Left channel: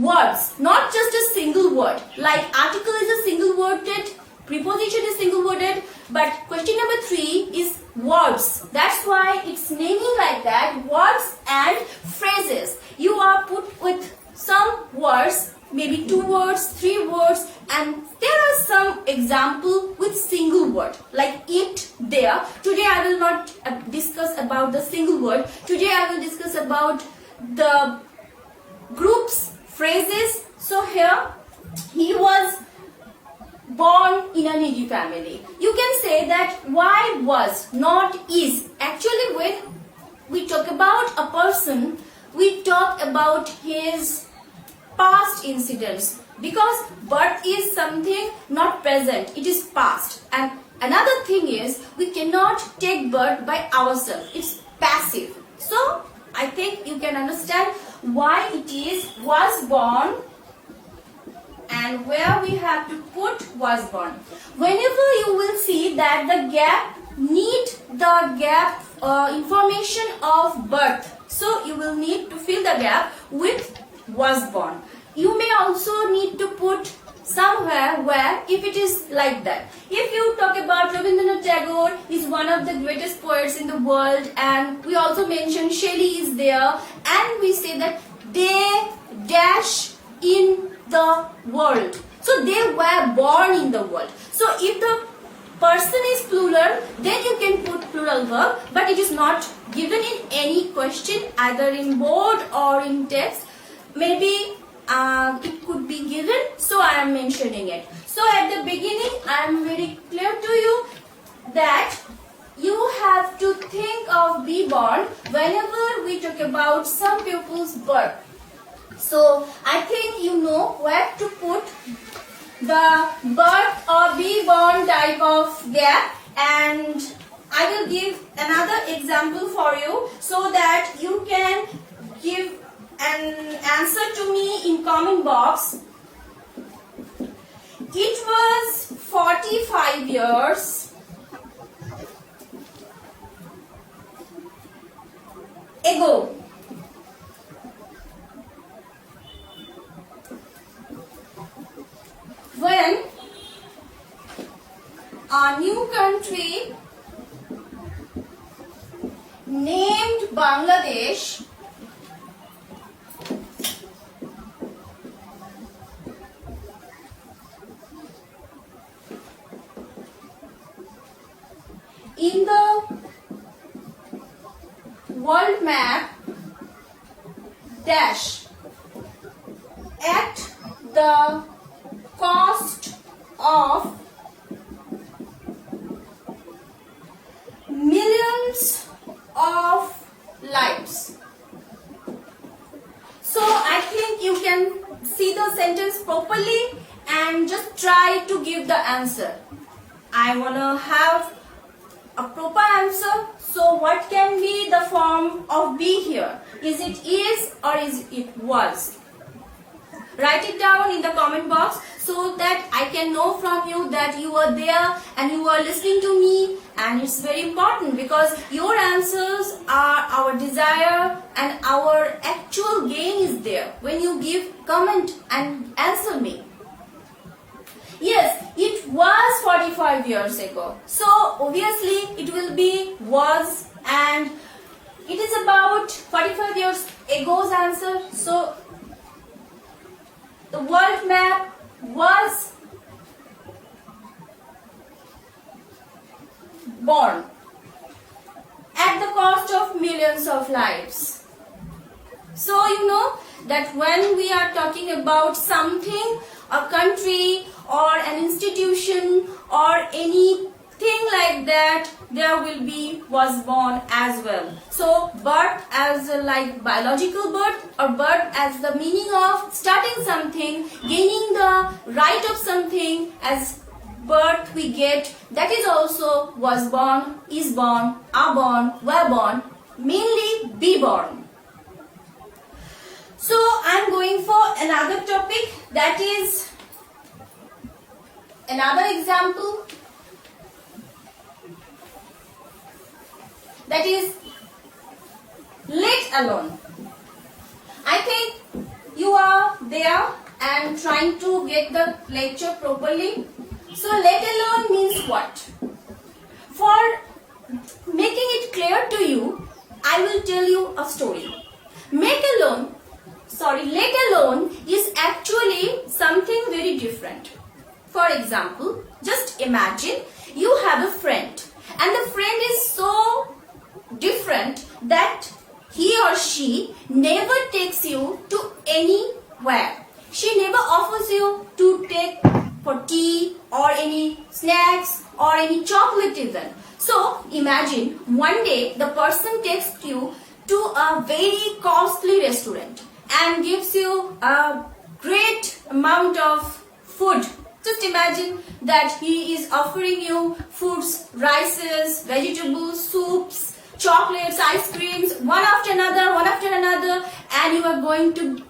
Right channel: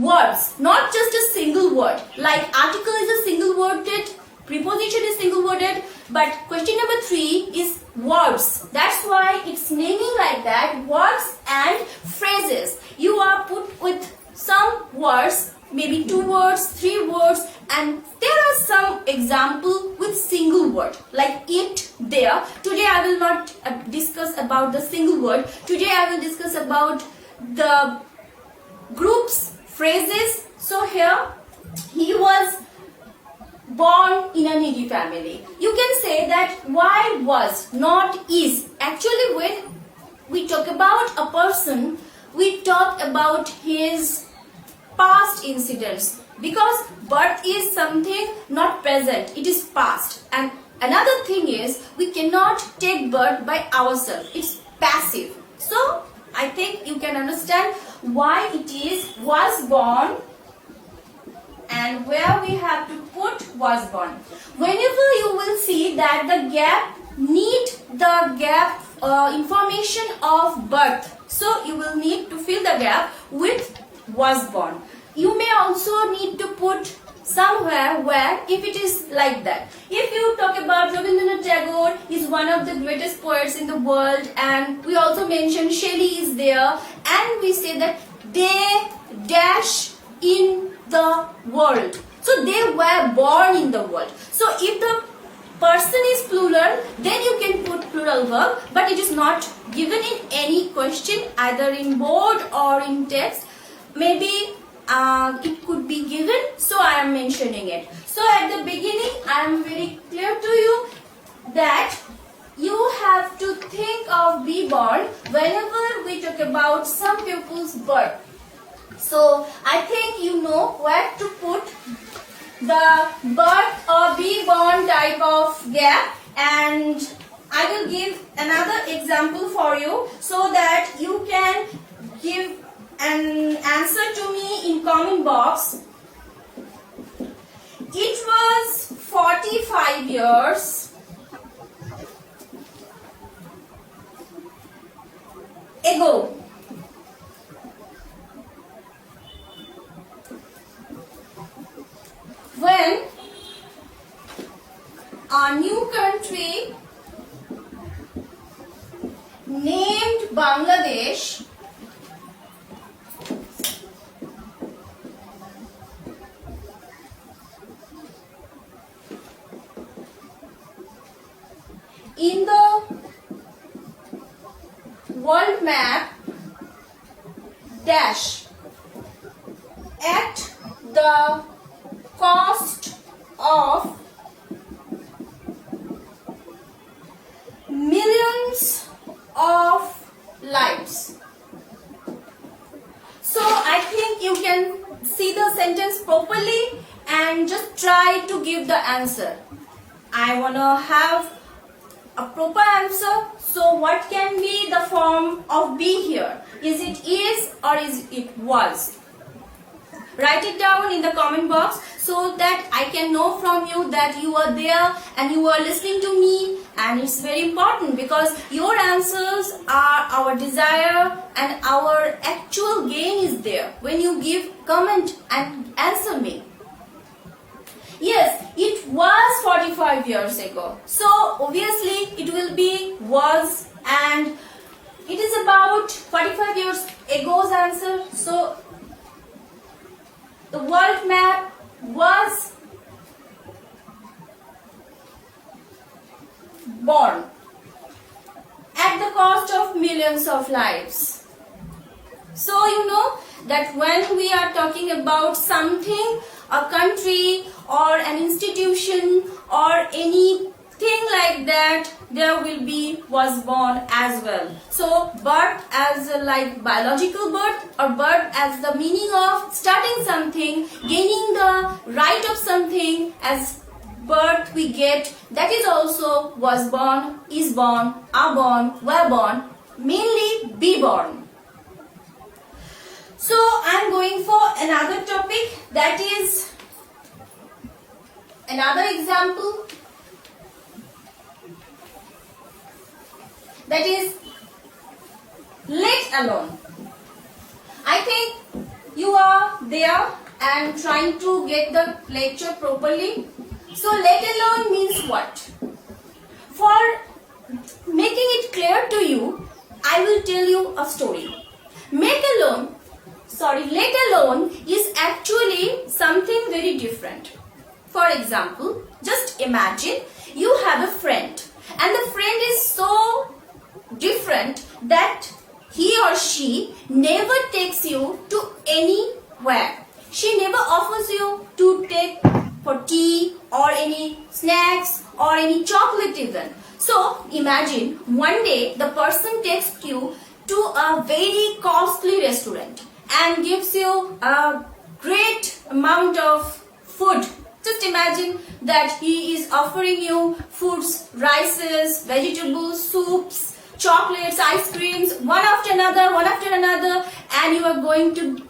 words, not just a single word. Like article is a single worded, preposition is single worded, but question number 3 is words. That's why it's naming like that, words and phrases. You are put with some words, maybe 2 words, 3 words, and there are some example with single word like it, there. Today I will not discuss about the single word. Today I will discuss about the groups, phrases. So here, he was born in a needy family. You can say that why was, not is. Actually, when we talk about a person, we talk about his past incidents, because birth is something not present, it is past. And another thing is, we cannot take birth by ourselves, it's passive. So I think you can understand why it is was born, and where we have to put was born. Whenever you will see that the gap need the gap information of birth, so you will need to fill the gap with was born. You may also need to put somewhere where if it is like that. If you talk about Rabindranath Tagore, is one of the greatest poets in the world, and we also mention Shelley is there, and we say that they dash in the world. So they were born in the world. So if the person is plural, then you can put plural verb, but it is not given in any question, either in board or in text. Maybe it could be given, so I am mentioning it. So at the beginning, I am very clear to you that you have to think of be born whenever we talk about some pupil's birth. So I think you know where to put the birth or be born type of gap, and I will give another example for you so that you can give an answer to me in comment box. It was 45 years ago when a new country named Bangladesh in the world map dash at the cost of millions of lives. So I think you can see the sentence properly and just try to give the answer. I want to have a proper answer. So what can be the form of be here? Is it is or is it was? Write it down in the comment box so that I can know from you that you are there and you are listening to me, and it's very important because your answers are our desire and our actual gain is there when you give comment and answer me. Yes, it was 45 years ago. So obviously it will be was, and it is about 45 years ago's answer. So the world map was born at the cost of millions of lives. So you know that when we are talking about something, a country or an institution or anything like that, there will be was born as well. So birth as like biological birth, or birth as the meaning of starting something, gaining the right of something, as birth we get, that is also was born, is born, are born, were born, mainly be born. So I am going for another topic, that is another example, that is let alone. I think you are there and trying to get the lecture properly. So let alone means what? For making it clear to you, I will tell you a story. Let alone is actually something very different. For example, just imagine you have a friend and the friend is so different that he or she never takes you to anywhere. She never offers you to take for tea or any snacks or any chocolate even. So imagine one day the person takes you to a very costly restaurant and gives you a great amount of food. Just imagine that he is offering you foods, rices, vegetables, soups, chocolates, ice creams, one after another, and you are going to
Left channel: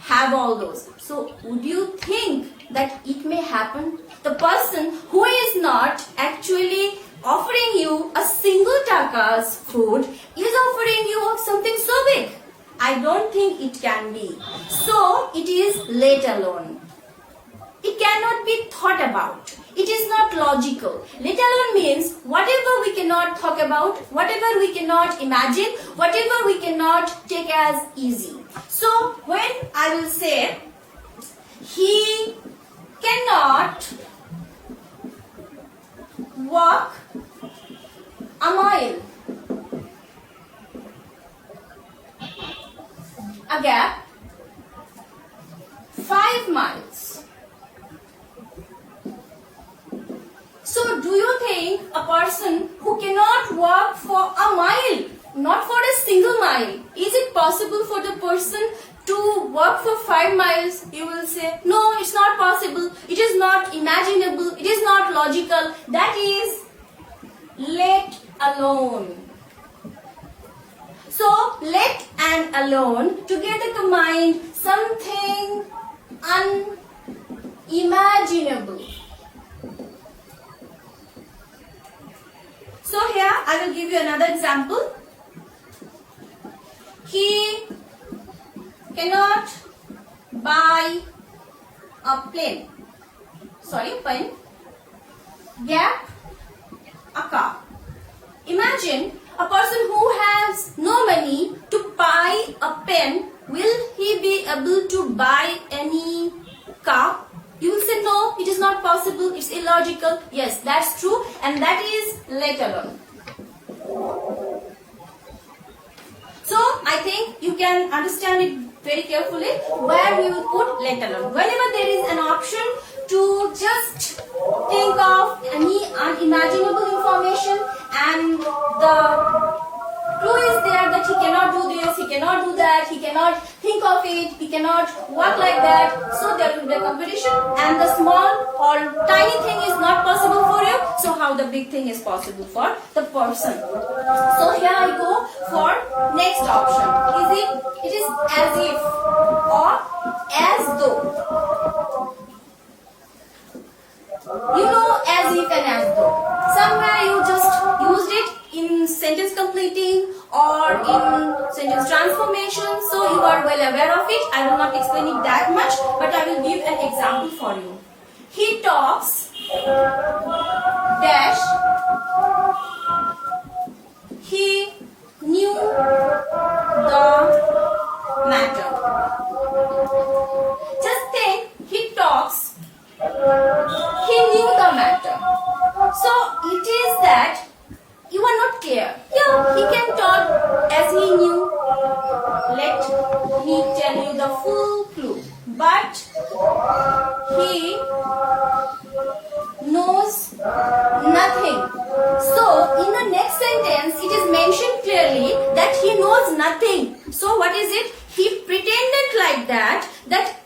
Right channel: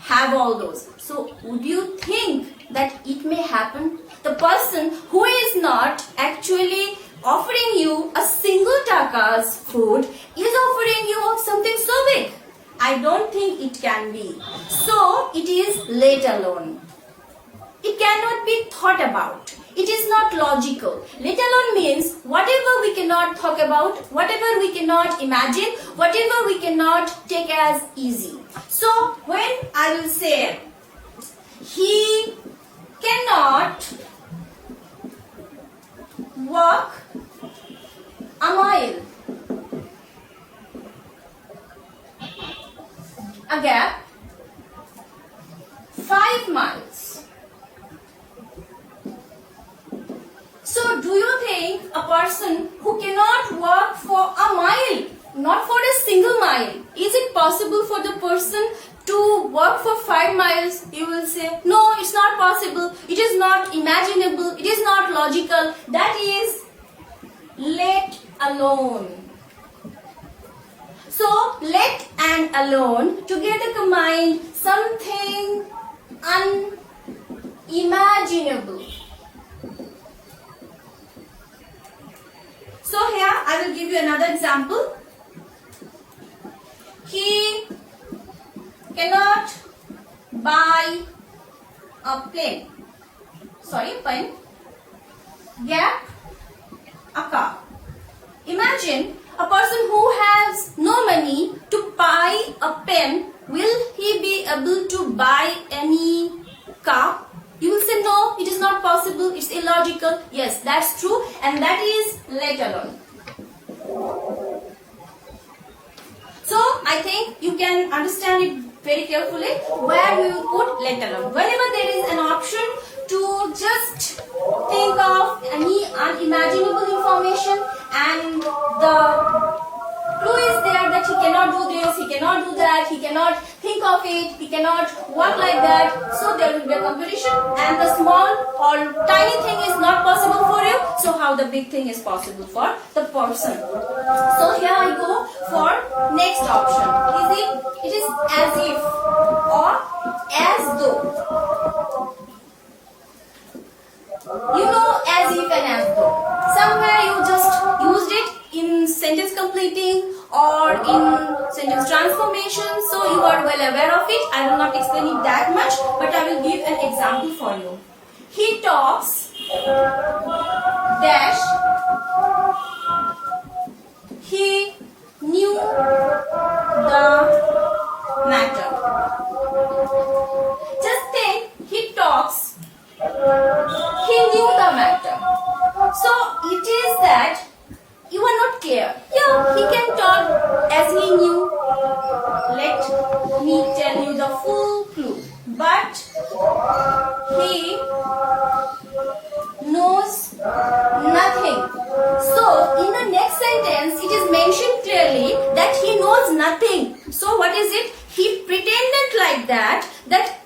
have all those. So would you think that it may happen? The person who is not actually offering you a single taka's food is offering you something so big. I don't think it can be. So it is let alone. It cannot be thought about. It is not logical. Let alone means whatever we cannot talk about, whatever we cannot imagine, whatever we cannot take as easy. So when I will say he cannot walk a mile, a gap, 5 miles. So do you think a person who cannot walk for a mile, not for a single mile, is it possible for the person to walk for 5 miles? You will say, no, it's not possible. It is not imaginable. It is not logical. That is let alone. So let and alone together combine something unimaginable. So here I will give you another example. He cannot buy a pen. Gap, a car. Imagine a person who has no money to buy a pen. Will he be able to buy any car? You will say, no, it is not possible, it's illogical. Yes, that's true, and that is let alone. So, I think you can understand it very carefully where we will put let alone. Whenever there is an option to just think of any unimaginable information and the clue is there that he cannot do this, he cannot do that, he cannot think of it, he cannot work like that. So there will be a competition and the small or tiny thing is not possible for you. So how the big thing is possible for the person. So here I go for next option. It is as if or as though. You know as if and as though. Somewhere you just used it in sentence completing or in sentence transformation, so you are well aware of it. I will not explain it that much, but I will give an example for you. He talks dash, he knew the matter. Just think, he talks, he knew the matter. So it is that you are not clear. Yeah, he can talk as he knew. Let me tell you the full clue. But he knows nothing. So in the next sentence, it is mentioned clearly that he knows nothing. So what is it? He pretended like that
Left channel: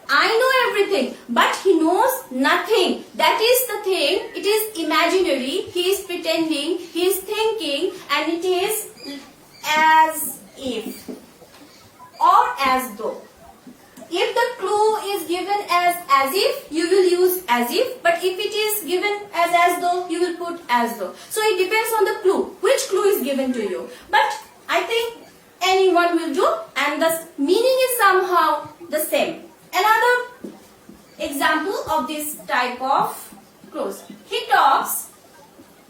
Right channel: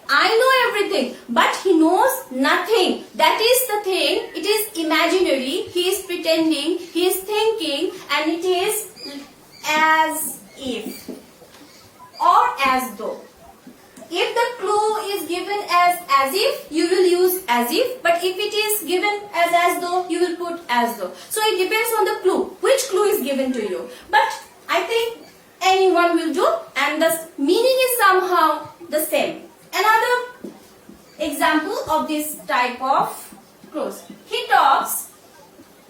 I know everything, but he knows nothing. That is the thing. It is imaginary. He is pretending. He is thinking, and it is as if or as though. If the clue is given as if, you will use as if. But if it is given as though, you will put as though. So it depends on the clue. Which clue is given to you? But I think anyone will do, and the meaning is somehow the same. Another example of this type of clues. He talks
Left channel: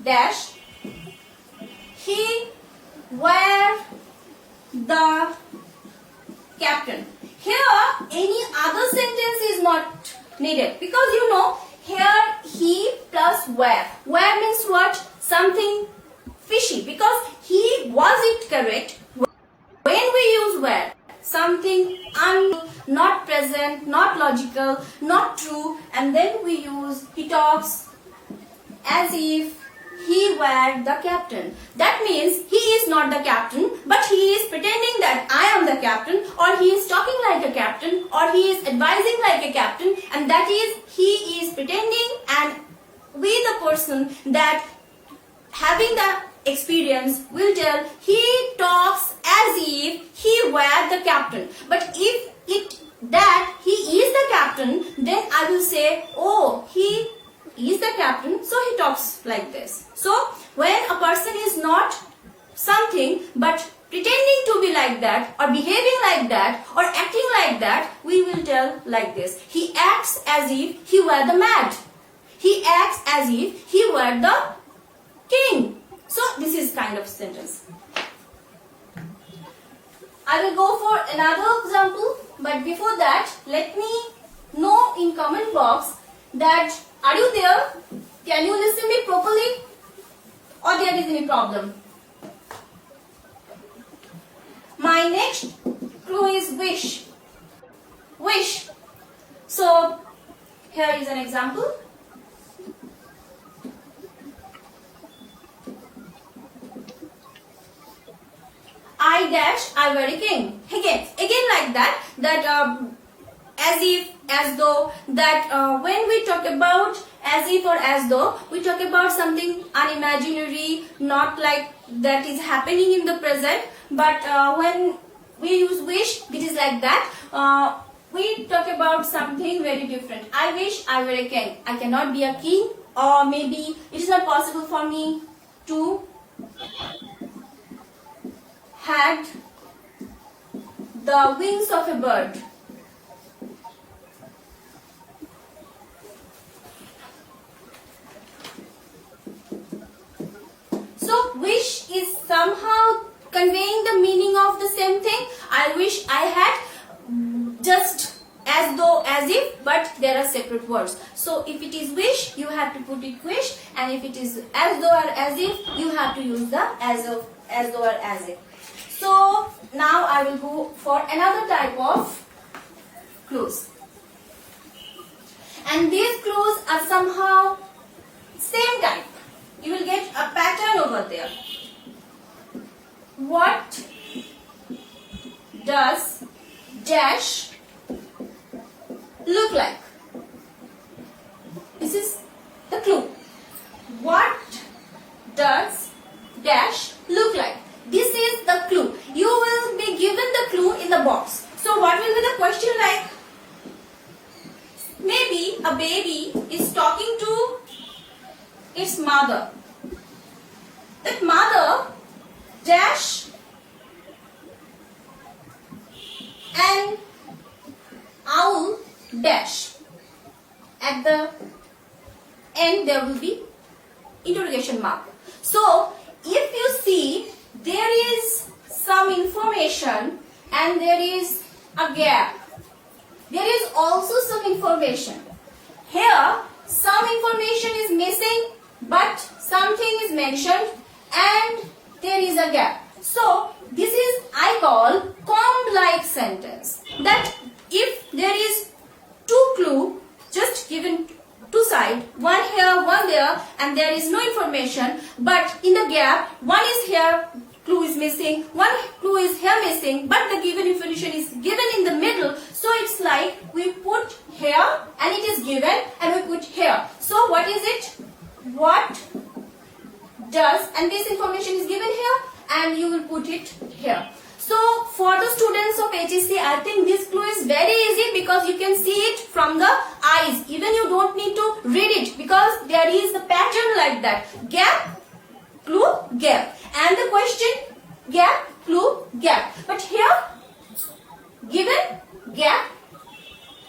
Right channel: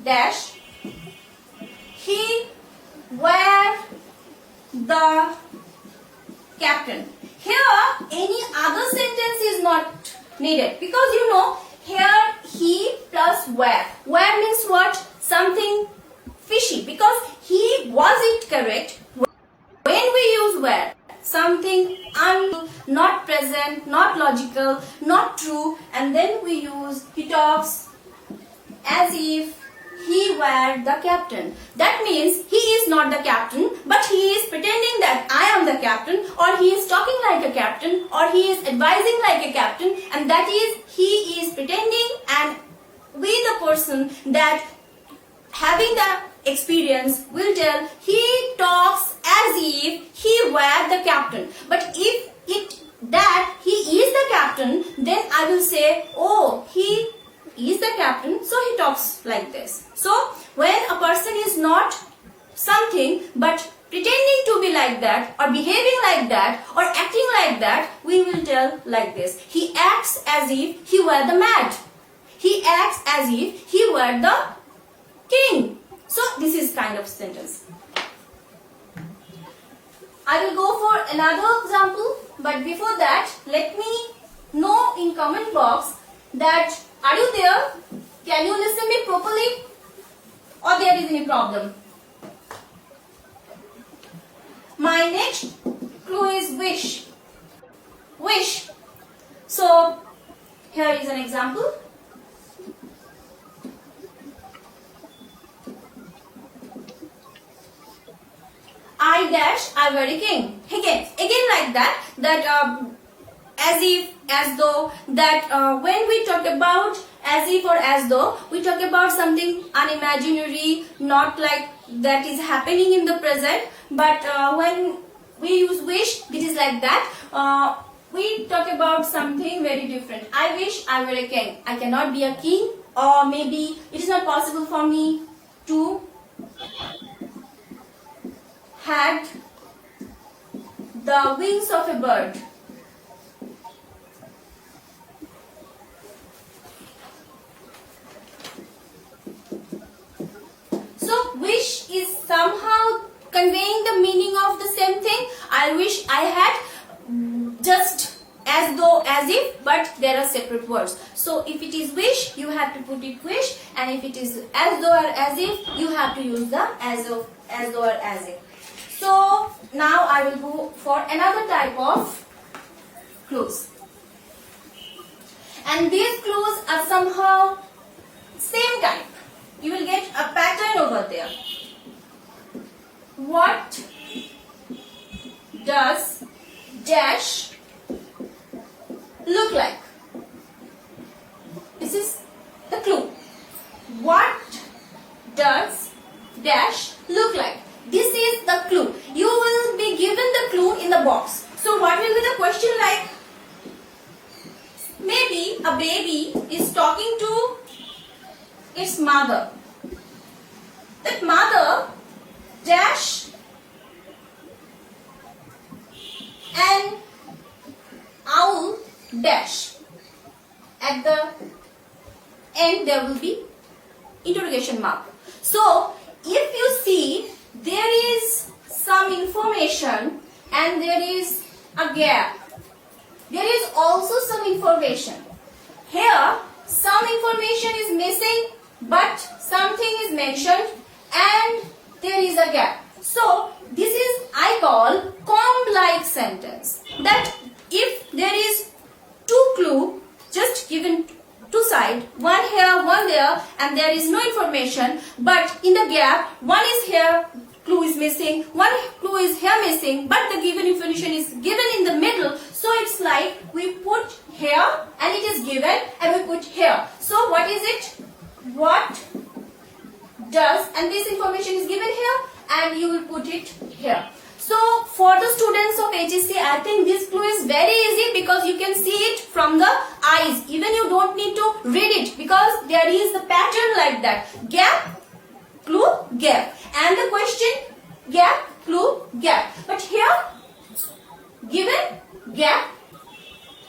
dash. He were the captain. Here any other sentence is not needed because you know here he plus were. Were means what? Something fishy because he was it correct when we use were. Something not present, not logical, not true, and then we use he talks as if he were the captain. That means he is not the captain, but he is pretending that I am the captain, or he is talking like a captain, or he is advising like a captain, and that is he is pretending, and we the person that having the experience will tell he talks as if he were the captain. But if it that he is the captain, then I will say, oh, he is the captain, so he talks like this. So when a person is not something but pretending to be like that or behaving like that or acting like that, we will tell like this. He acts as if he were the mad. He acts as if he were the king. So this is kind of sentence. I will go for another example, but before that, let me know in comment box that are you there? Can you listen me properly? Or there is any problem? My next clue is wish. Wish. So here is an example. I dash, I were a king. Again like that as if, as though, that when we talk about as if or as though, we talk about something unimaginary, not like that is happening in the present, but when we use wish, it is like that. We talk about something very different. I wish I were a king. I cannot be a king, or maybe it is not possible for me to had the wings of a bird. So wish is somehow conveying the meaning of the same thing. I wish I had, just as though, as if, but there are separate words. So if it is wish, you have to put it wish, and if it is as though or as if, you have to use the as though or as if. So now I will go for another type of clues. And these clues are somehow same type. You will get a pattern over there. What does dash look like? This is the clue. What does dash look like? This is the clue. You will be given the clue in the box. So what will be the question like? Maybe a baby is talking to its mother. That mother dash an owl dash. At the end there will be interrogation mark. So if you see, there is some information and there is a gap. There is also some information. Here some information is missing but something is mentioned and there is a gap. So this is I call comb-like sentence. That if there is two clue just given two sides, one here, one there, and there is no information, but in the gap, one is here, clue is missing, one clue is here missing, but the given information is given in the middle. So it's like we put here and it is given and we put here. So what is it? What does, and this information is given here and you will put it here. So for the students of HSC, I think this clue is very easy because you can see it from the eyes. Even you don't need to read it because there is a pattern like that. Gap, clue, gap. And the question, gap, clue, gap. But here, given, gap,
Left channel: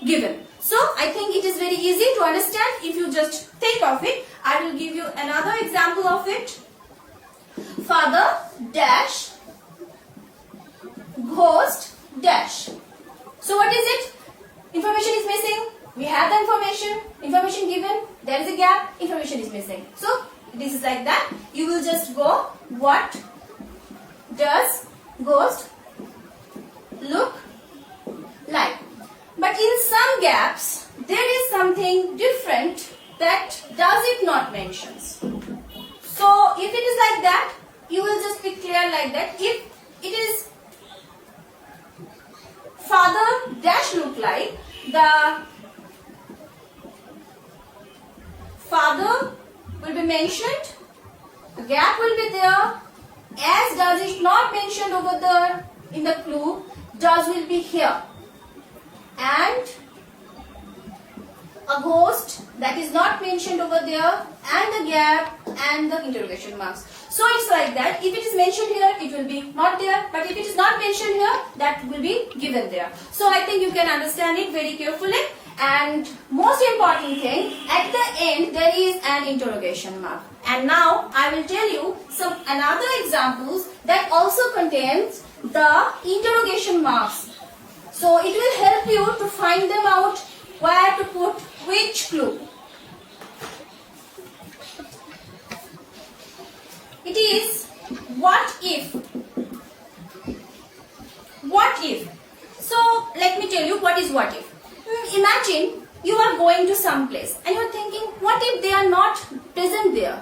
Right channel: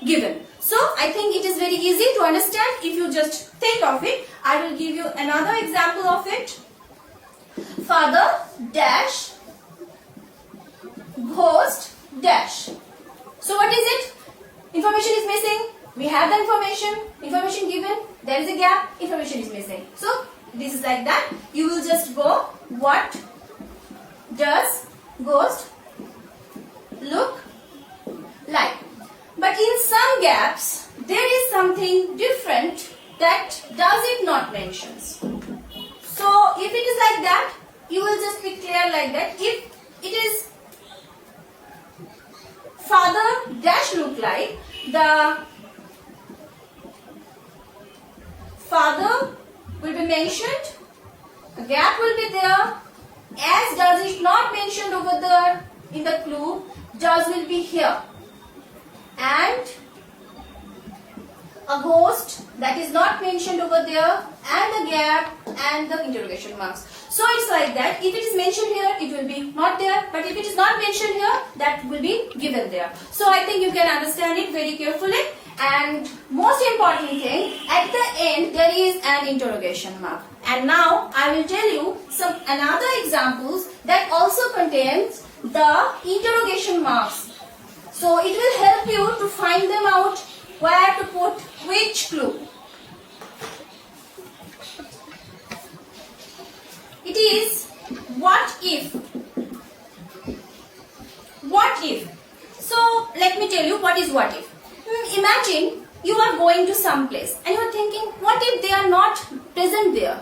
given. So I think it is very easy to understand if you just think of it. I will give you another example of it. Father dash ghost dash. So what is it? Information is missing. We have the information given. There is a gap. Information is missing. So this is like that. You will just go, what does ghost look like? But in some gaps, there is something different that does it not mentions. So if it is like that, you will just be clear like that. If it is father dash look like, the father will be mentioned, the gap will be there, as does is not mentioned over there in the clue, does will be here, and a ghost that is not mentioned over there, and the gap and the interrogation marks. So it's like that. If it is mentioned here, it will be not there, but if it is not mentioned here, that will be given there. So I think you can understand it very carefully. And most important thing, at the end there is an interrogation mark. And now I will tell you some another examples that also contains the interrogation marks. So it will help you to find them out, where to put which clue. It is what if. What if? So let me tell you what is what if. Imagine you are going to some place and you are thinking, what if they are not present there?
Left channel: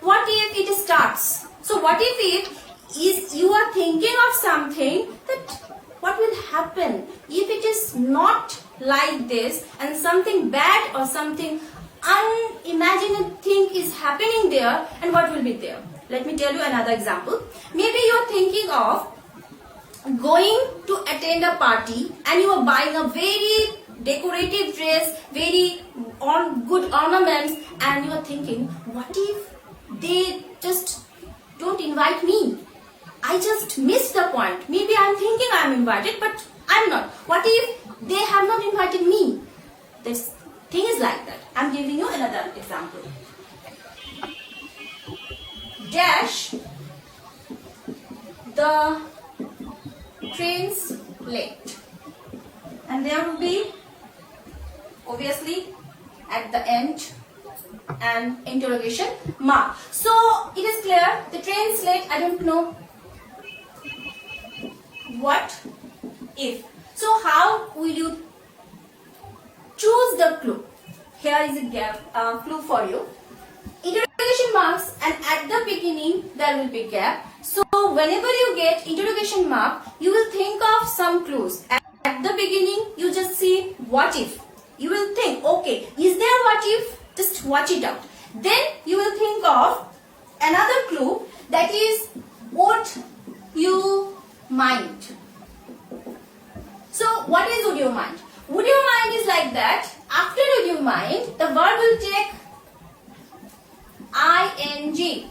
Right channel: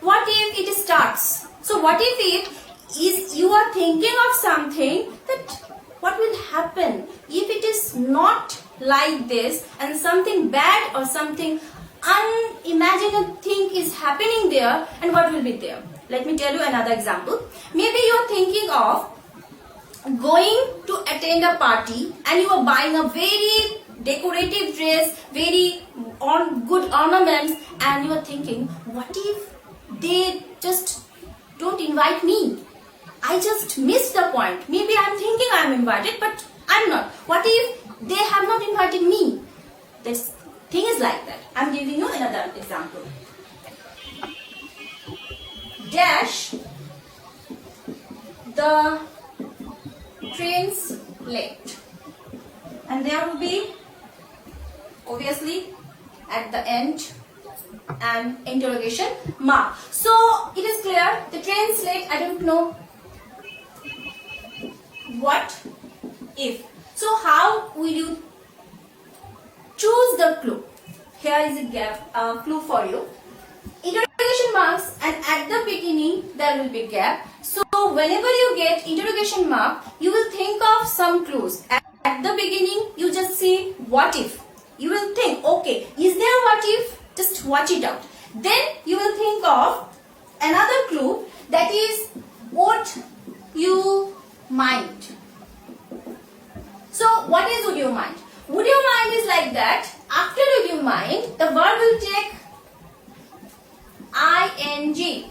What if it starts? So what if is you are thinking of something that what will happen if it is not like this and something bad or something unimaginable thing is happening there, and what will be there? Let me tell you another example. Maybe you are thinking of going to attend a party and you are buying a very decorative dress, very good ornaments, and you are thinking, what if they just don't invite me? I just missed the point. Maybe I am thinking I am invited, but I am not. What if they have not invited me? This thing is like that. I am giving you another example. Dash the train's late, and there will be obviously at the end an interrogation mark. So it is clear, the train's late. I don't know what if. So how will you choose the clue? Here is a clue for you. Interrogation marks, and at the beginning there will be gap. So whenever you get interrogation mark, you will think of some clues. At the beginning you just see what if. You will think, okay, is there what if? Just watch it out. Then you will think of another clue, that is would you mind. So what is would you mind? Would you mind is like that. After would you mind, the verb will take ing.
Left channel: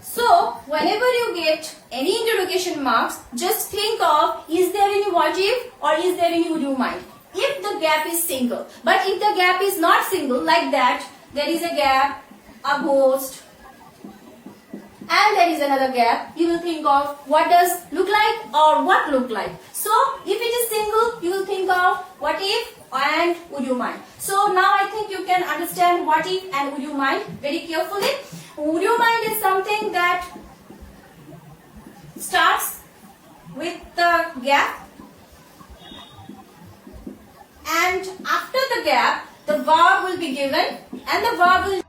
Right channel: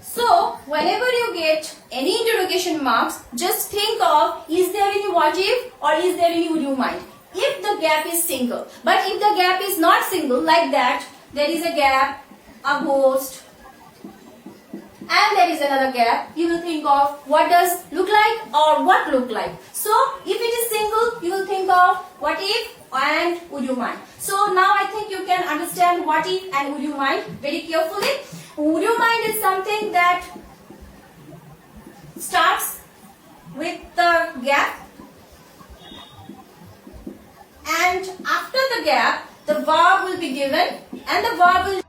So whenever you get any interrogation marks, just think of, is there any what if or is there any would you mind? If the gap is single, but if the gap is not single, like that, there is a gap, a ghost, and there is another gap, you will think of what does look like or what look like. So if it is single, you will think of what if and would you mind. So now I think you can understand what if and would you mind very carefully. Would you mind is something that starts with the gap, and after the gap the verb will be given, and the verb will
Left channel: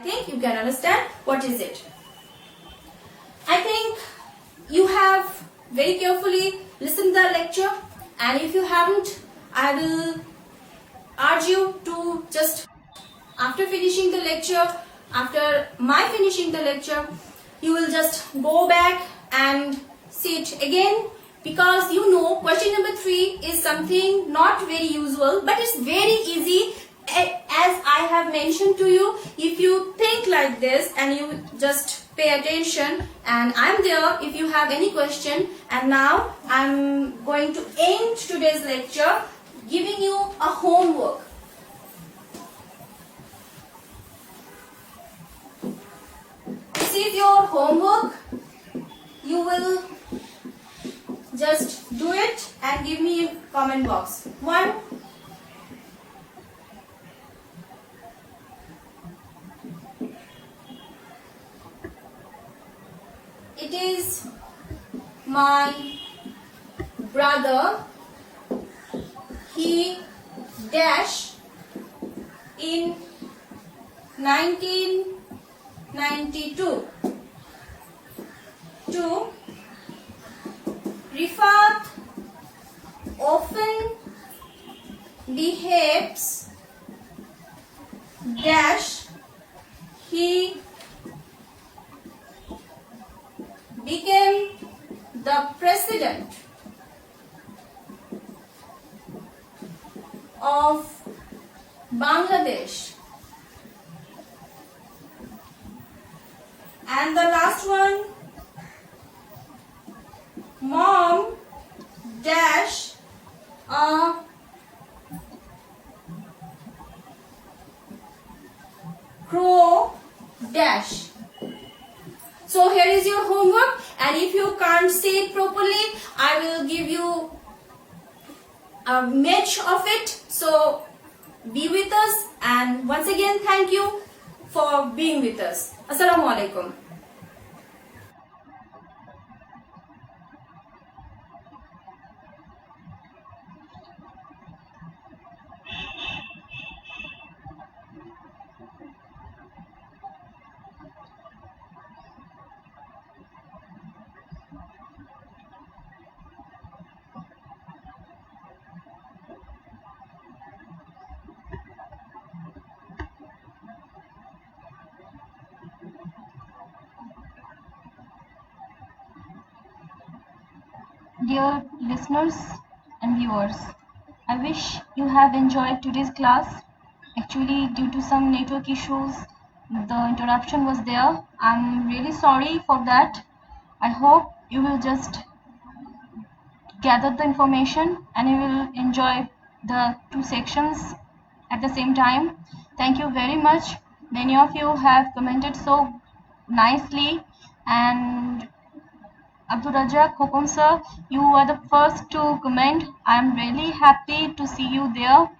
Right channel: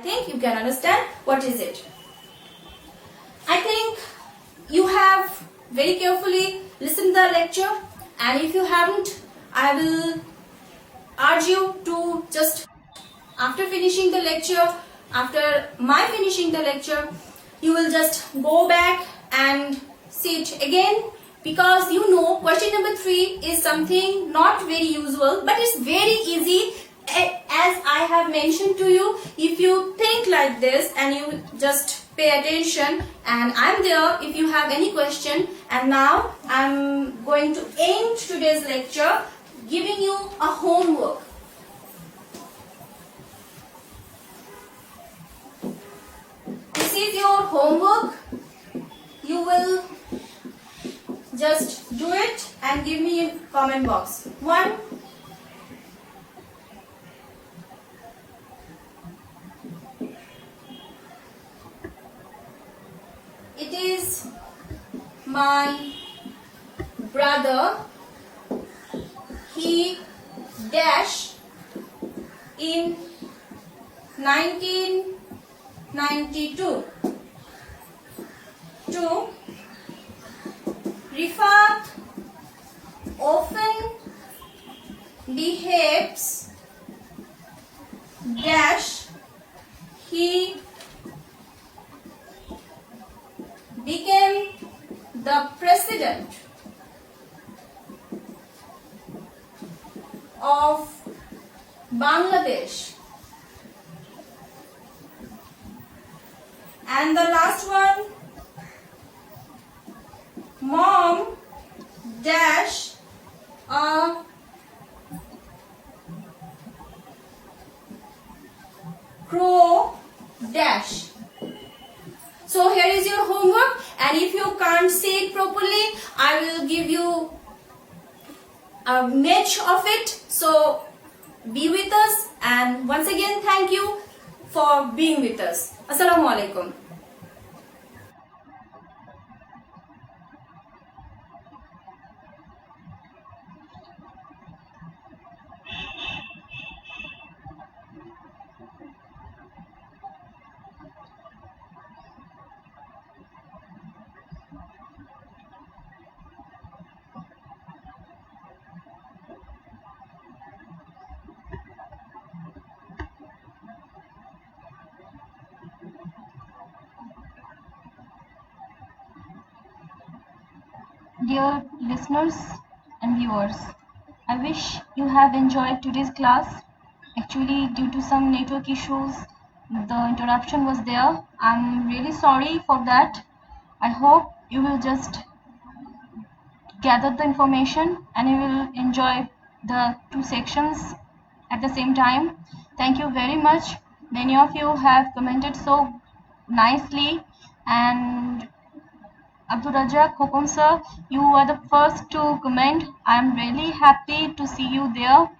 think you can understand what is it. I think you have very carefully listened the lecture, and if you haven't, I will urge you to just after finishing the lecture, after my finishing the lecture, you will just go back and see it again, because you know question number 3 is something not very usual, but it's very easy. As I have mentioned to you, if you think like this and you just pay attention, and I'm there if you have any question. And now I'm going to end today's lecture giving you a homework. This is your homework. You will just do it and give me a comment box. 1. It is my brother. He dash in 1992. 2. Rifat often behaves dash. He became the president of Bangladesh. And the last one, mom dash a crow dash. So here is your homework, and if you can't see it properly, I will give you a match of it. So be with us, and once again thank you for being with us. Assalamu alaikum. Dear listeners and viewers, I wish you have enjoyed today's class. Actually, due to some network issues, the interruption was there. I'm really sorry for that. I hope you will just gather the information and you will enjoy the 2 sections at the same time. Thank you very much. Many of you have commented so nicely, and Abdul Razak Hukum sir, you are the first to comment. I am really happy to see you there,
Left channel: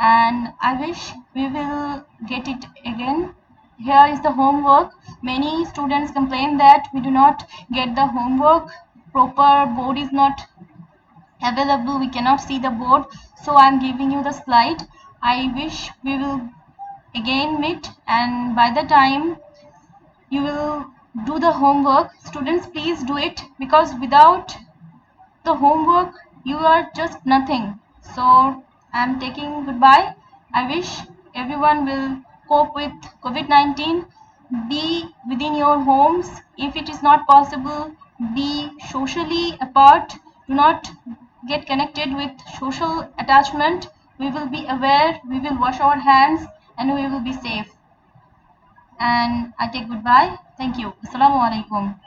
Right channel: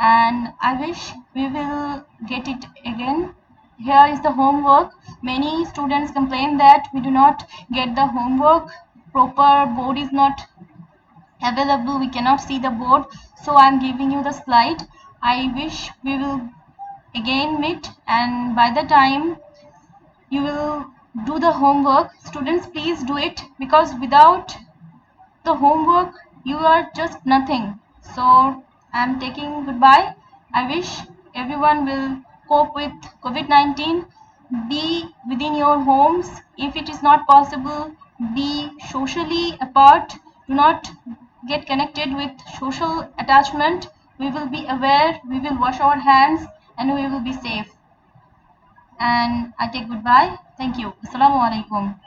and I wish we will get it again. Here is the homework. Many students complain that we do not get the homework. Proper board is not available. We cannot see the board. So I am giving you the slide. I wish we will again meet, and by the time you will do the homework, students, please do it, because without the homework you are just nothing. So I'm taking goodbye. I wish everyone will cope with COVID-19. Be within your homes. If it is not possible, be socially apart. Do not get connected with social attachment. We will be aware, we will wash our hands, and we will be safe. And I take goodbye. Thank you. Assalamu alaikum.